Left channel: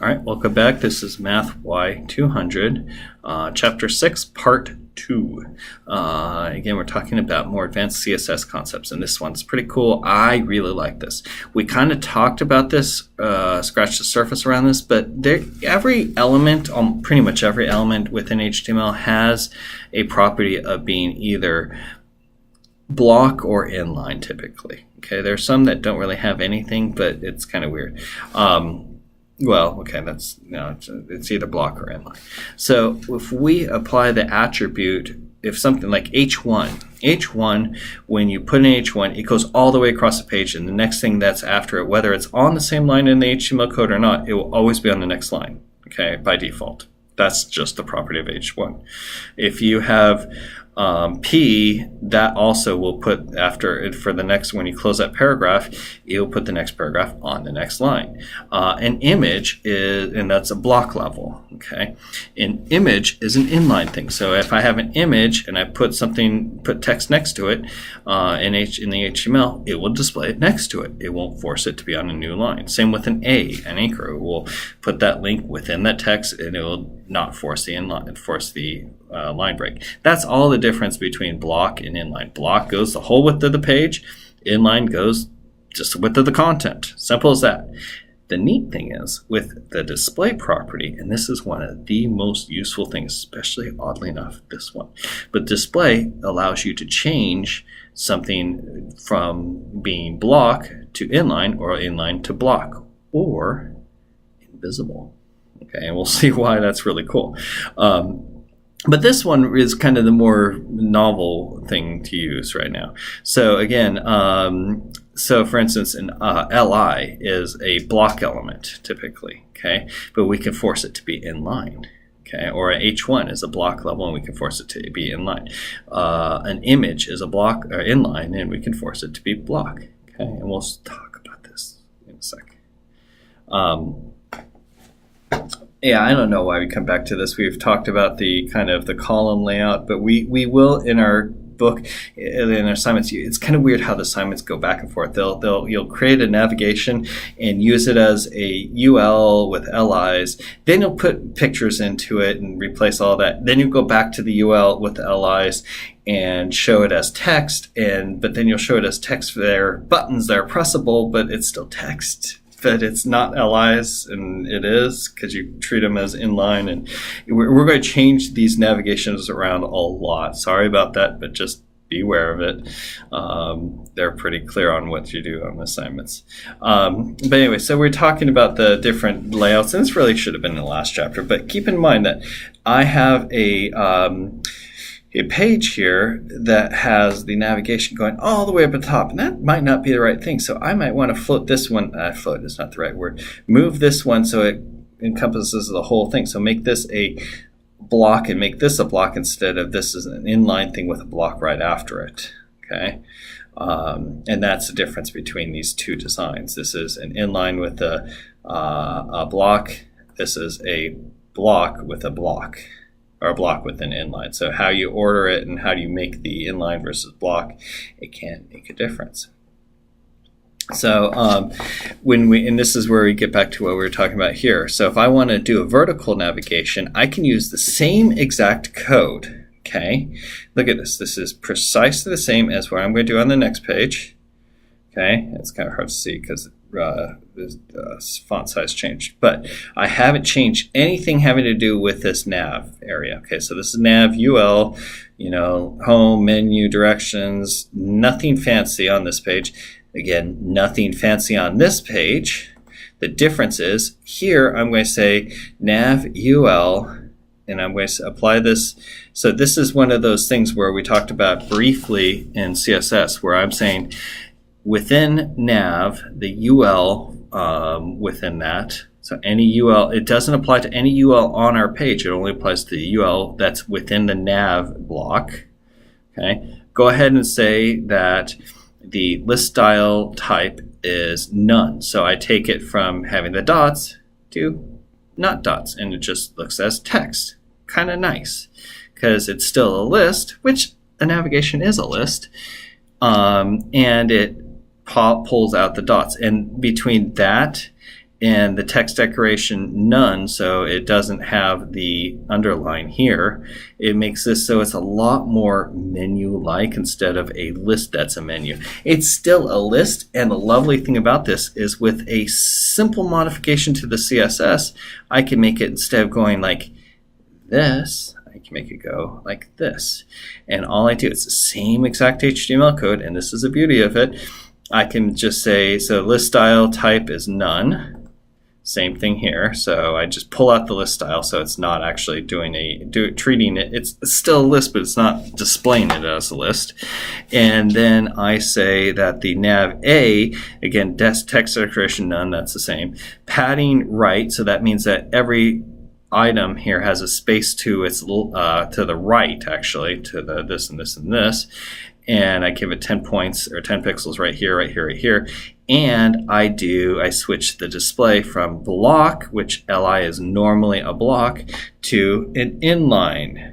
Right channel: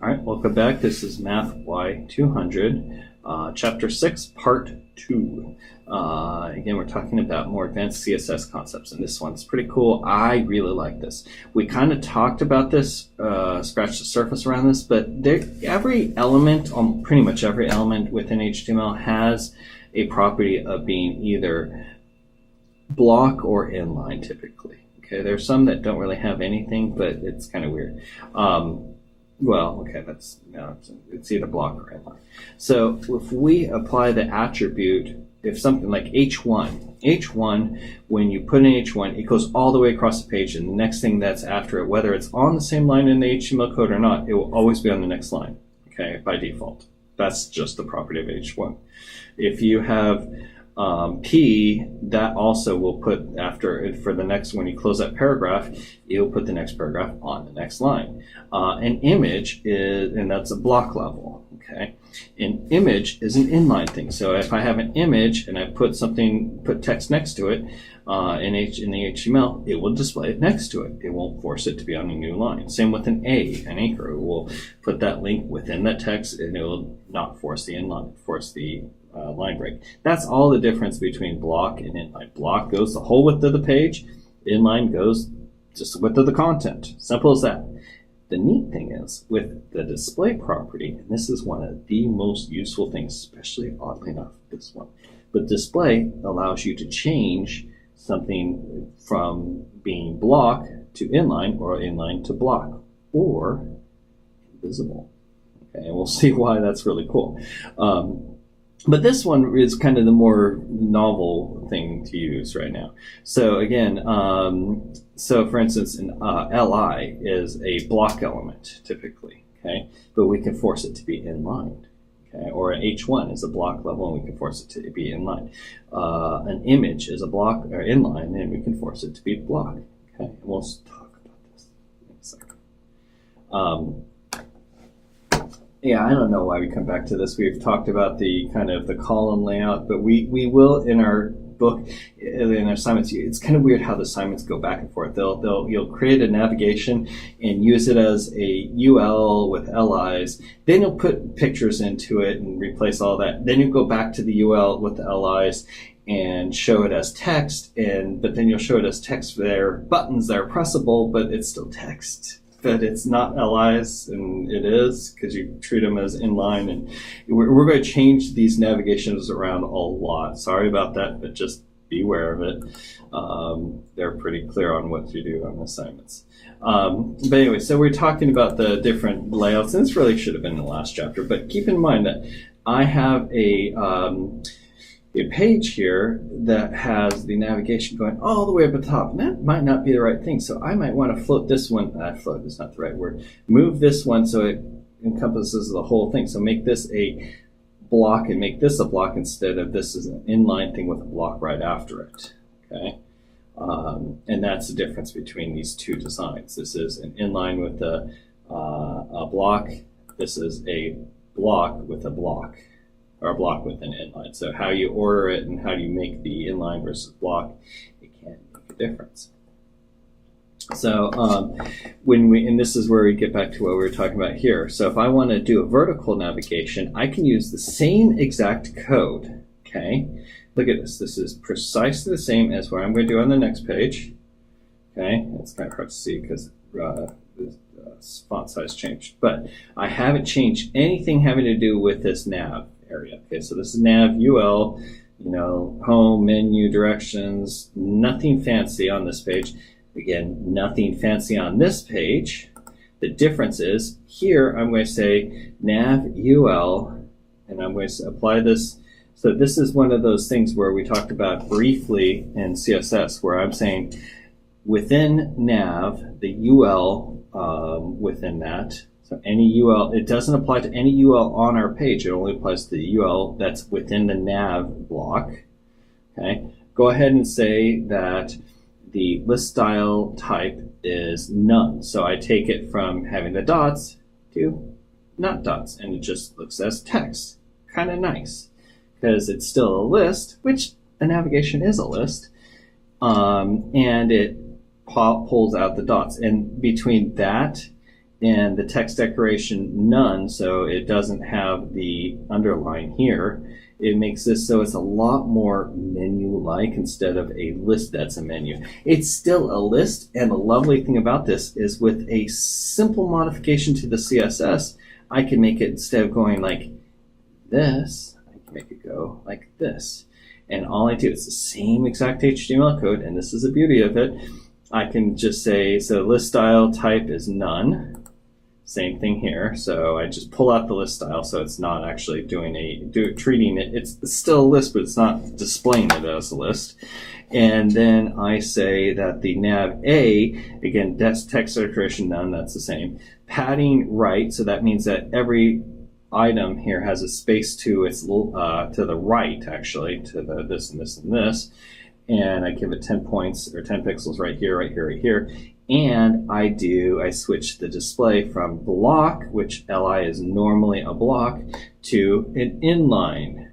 All right, welcome back. This is MATHY200, Chapter 6, Part 2. Again, we're talking about more advanced CSS concepts, and this one's pretty cool. I really like this. We kind of talked about this, scratched the surface around this, but every element, pretty much every element within HTML has a property of being either block or inline typically. Okay, there's some that don't really have anything, but it's kind of weird. Well, okay, it's either block or inline. So if we apply the attribute, if something like H1, when you put in H1, it goes all the way across the page, and the next thing that's after it, whether it's on the same line in the HTML code or not, it will always be on the next line, okay, by default. That's just the property of H1. If you have P, that also will put after it for the next, when you close that paragraph, it will put the next paragraph on the next line. An image is, and that's a block level, okay? An image is an inline thing. So if I have an image and I put text next to it in the HTML, it will display it next to it. It won't force it to be on a new line. Same with an anchor. It will put that link within that text, and it will not force the line break. That's all the difference between block and inline. Block goes the whole width of the page. Inline goes just the width of the content. Simple as that. The neat thing is with the display property, and this is one of the most useful things, especially oddly enough, this one. But display allows you to change something from being block to inline, or inline to block, or invisible. Okay, and we'll see why that's really cool. But this one is kind of the more novel thing to use right now. So again, so for instance, an li is a block element typically, okay? But we can force it to be inline, okay? Or a h1 is a block level, and we can force it to be inline. An image is a block or inline, and we can force it to be block, okay? And we'll talk about this in a second. Yeah, I don't know why we come back to this. We've talked about the kind of the column layout, but we will in our book, in our assignments. It's kind of weird how the assignments go back and forth. You'll create a navigation and use it as a UL with LIs. Then you'll put pictures into it and replace all that. Then you go back to the UL with the LIs and show it as text. But then you'll show it as text for their buttons that are pressable, but it's still text. But it's not LIs, and it is because you treat them as inline. And we're going to change these navigations around a lot. Sorry about that, but just be aware of it. They're pretty clear on what you do on assignments. But anyway, so we're talking about the different layouts, and this really should have been in the last chapter. But keep in mind that I have a page here that has the navigation going all the way up at the top, and that might not be the right thing. So I might want to float this one. Float is not the right word. Move this one so it encompasses the whole thing. So make this a block and make this a block instead of this is an inline thing with a block right after it. Okay, and that's the difference between these two designs. This is an inline with a block. This is a block with a block, or a block with an inline. So how you order it and how you make the inline versus block, it can make a difference. So and this is where we get back to what we were talking about here. So if I want to do a vertical navigation, I can use the same exact code, okay? Look at this. This is precisely the same as what I'm going to do on the next page, okay? It's kind of hard to see because font size changed, but I haven't changed anything having to do with this nav area. Okay, so this is nav UL, home, menu, directions, nothing fancy on this page. Again, nothing fancy on this page. The difference is here I'm going to say nav UL, and I'm going to apply this. So this is one of those things where we talked about briefly in CSS, where I'm saying within nav, the UL within that, so any UL, it doesn't apply to any UL on our page. It only applies to the UL that's within the nav block. Okay, go ahead and say that the list style type is none. So I take it from having the dots to not dots, and it just looks as text. Kind of nice, because it's still a list, which a navigation is a list, and it pulls out the dots. And between that and the text decoration none, so it doesn't have the underline here. It makes this so it's a lot more menu-like instead of a list that's a menu. It's still a list, and the lovely thing about this is with a simple modification to the CSS, I can make it, instead of going like this, I can make it go like this. And all I do, it's the same exact HTML code, and this is the beauty of it. I can just say, so list style type is none. Same thing here. So I just pull out the list style, so it's not actually treating it. It's still a list, but it's not displaying it as a list. And then I say that the nav A, again, text decoration none, that's the same. Padding right, so that means that every item here has a space to its to the right, actually, to the this and this and this. And I give it 10 points or 10 pixels right here, right here, right here. And I switch the display from block, which LI is normally a block, to an inline,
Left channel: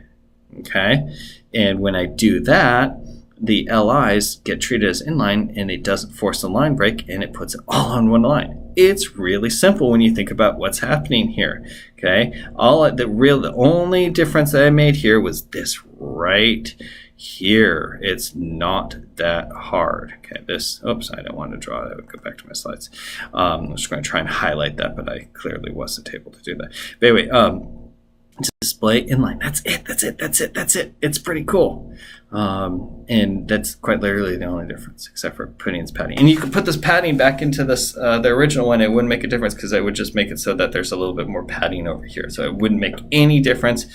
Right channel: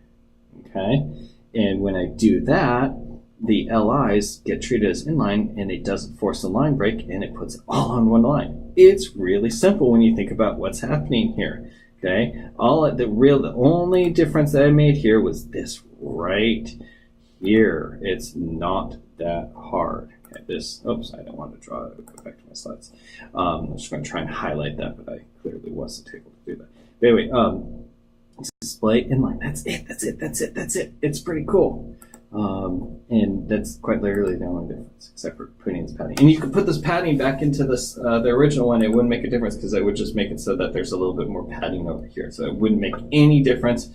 okay? And when I do that, the LIs get treated as inline, and it doesn't force a line break, and it puts it all on one line. It's really simple when you think about what's happening here, okay? The only difference that I made here was this right here. It's not that hard. Okay, oops, I don't want to draw that. Go back to my slides. I'm just going to try and highlight that, but I clearly wasn't able to do that. But anyway, display inline. That's it. It's pretty cool. And that's quite literally the only difference, except for putting its padding. And you could put this padding back into this the original one. It wouldn't make a difference because I would just make it so that there's a little bit more padding over here. So it wouldn't make any difference.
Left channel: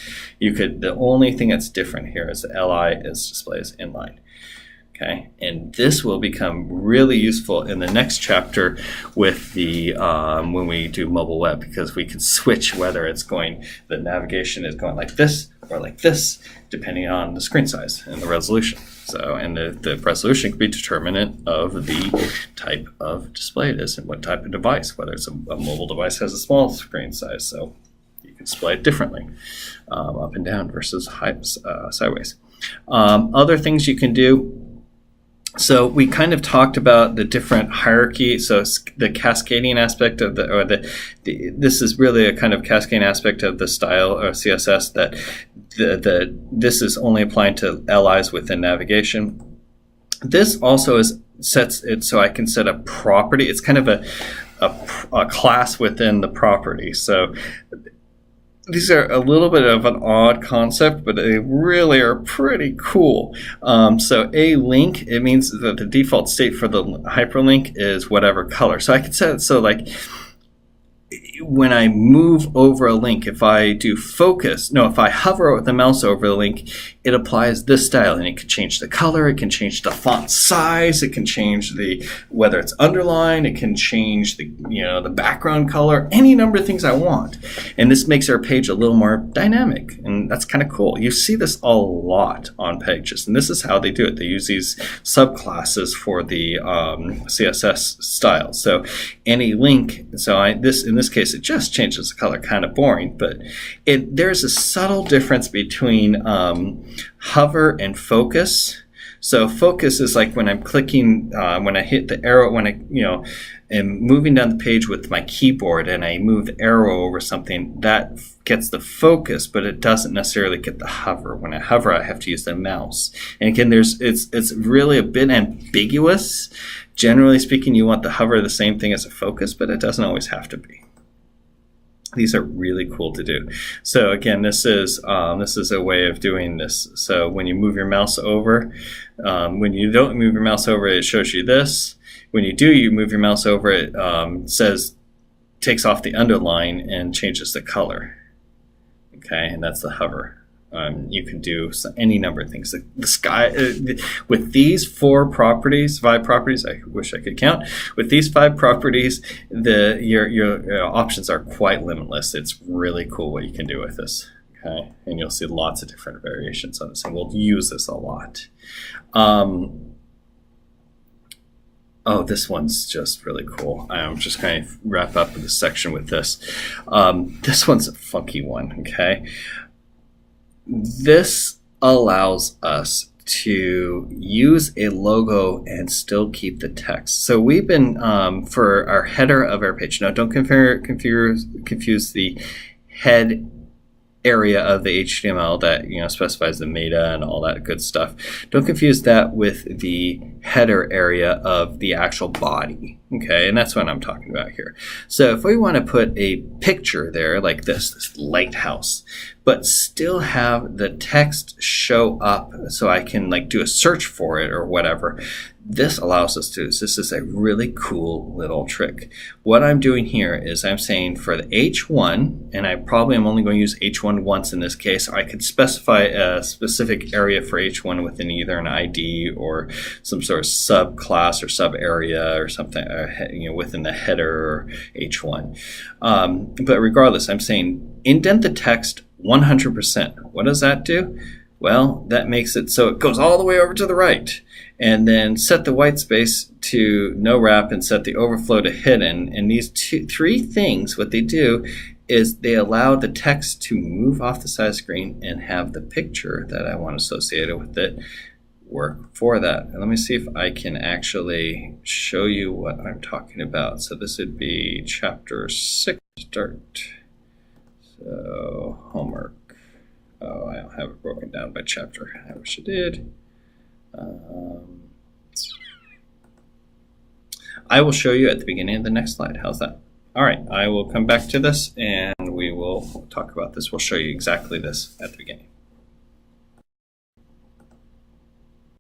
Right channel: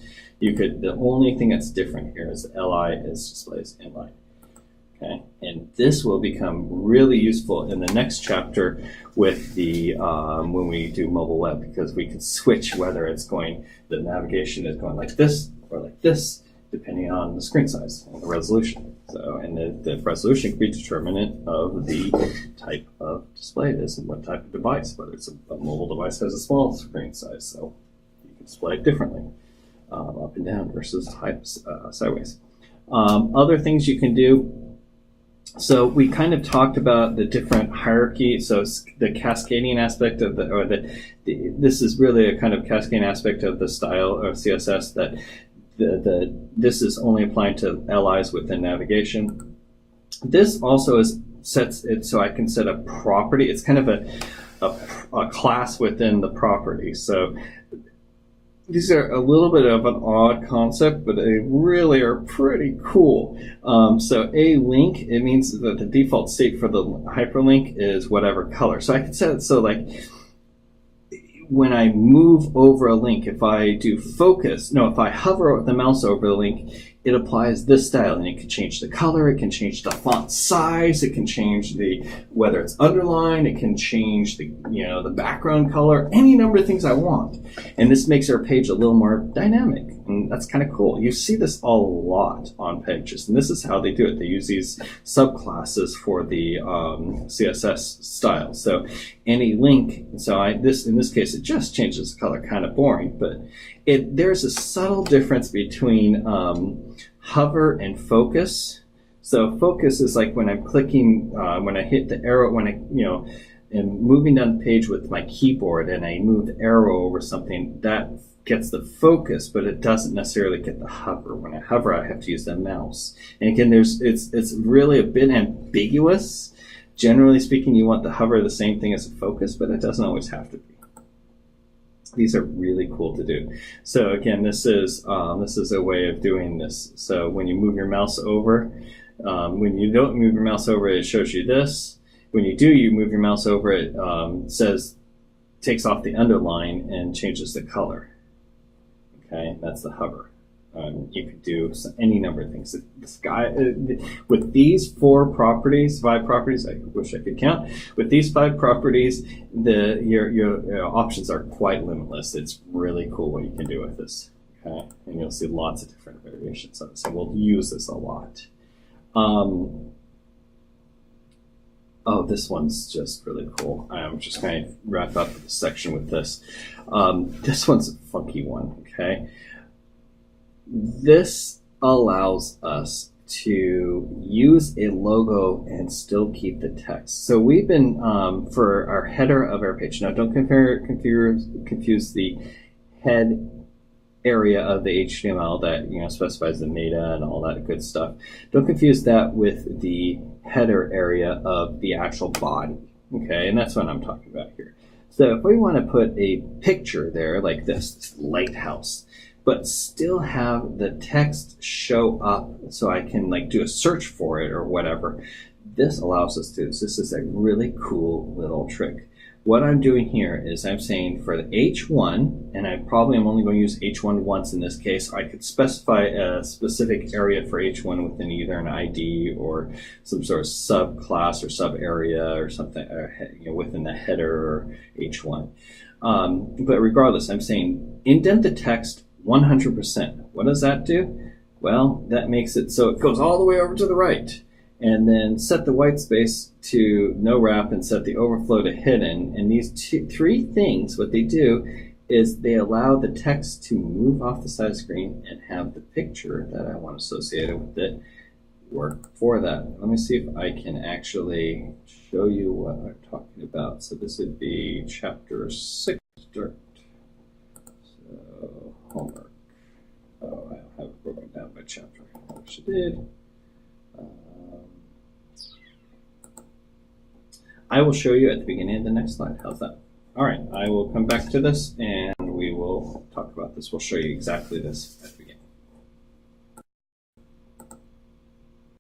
The only thing that's different here is the LI is display as inline. Okay, and this will become really useful in the next chapter with the when we do mobile web, because we can switch whether the navigation is going like this or like this, depending on the screen size and the resolution. So, and the resolution can be determinant of the type of display it is and what type of device, whether it's a mobile device has a small screen size, so you can display it differently, up and down versus sideways. Other things you can do. So we kind of talked about the different hierarchy. So the cascading aspect of this is really a kind of cascading aspect of the style or CSS that this is only applying to LIs within navigation. This also sets it so I can set a property. It's kind of a class within the property. So these are a little bit of an odd concept, but they really are pretty cool. So a link, it means that the default state for the hyperlink is whatever color. So I could set it so like when I move over a link, if I hover with the mouse over the link, it applies this style, and it can change the color, it can change the font size, it can change whether it's underlined, it can change the background color, any number of things I want. And this makes our page a little more dynamic, and that's kind of cool. You see this a lot on pages, and this is how they do it. They use these subclasses for the CSS style. So any link, in this case, it just changes the color, kind of boring, but there's a subtle difference between hover and focus. So focus is like when I'm clicking, when I hit the arrow, when I am moving down the page with my keyboard and I move the arrow over something, that gets the focus, but it doesn't necessarily get the hover. When I hover, I have to use the mouse. And again, it's really a bit ambiguous. Generally speaking, you want the hover the same thing as a focus, but it doesn't always have to be. These are really cool to do. So again, this is a way of doing this. So when you move your mouse over, when you don't move your mouse over, it shows you this. When you do, you move your mouse over, it takes off the underline and changes the color. Okay, and that's the hover. You can do any number of things. The sky with these 5 properties. I wish I could count. With these 5 properties, your options are quite limitless. It's really cool what you can do with this. Okay, and you'll see lots of different variations of this, and we'll use this a lot. Oh, this one's just really cool. I'm just going to wrap up this section with this. This one's a funky one. Okay. This allows us to use a logo and still keep the text. So we've been, for our header of our page, now don't confuse the head area of the HTML that specifies the meta and all that good stuff. Don't confuse that with the header area of the actual body. Okay, and that's what I'm talking about here. So if we want to put a picture there like this lighthouse, but still have the text show up so I can like do a search for it or whatever, this allows us to. This is a really cool little trick. What I'm doing here is I'm saying for the H1, and I probably am only going to use H1 once in this case. I could specify a specific area for H1 within either an ID or some sort of subclass or sub area or something, within the header or H1. But regardless, I'm saying indent the text 100%. What does that do? Well, that makes it so it goes all the way over to the right. And then set the white space to no wrap and set the overflow to hidden. And these three things, what they do is they allow the text to move off the side of the screen and have the picture that I want associated with it work for that. And let me see if I can actually show you what I'm talking about. So this would be chapter 6 start. So homework. Oh, I don't have it broken down by chapter. I wish I did. I will show you at the beginning of the next slide. How's that? All right, I will come back to this and we will talk about this. We'll show you exactly this at the beginning.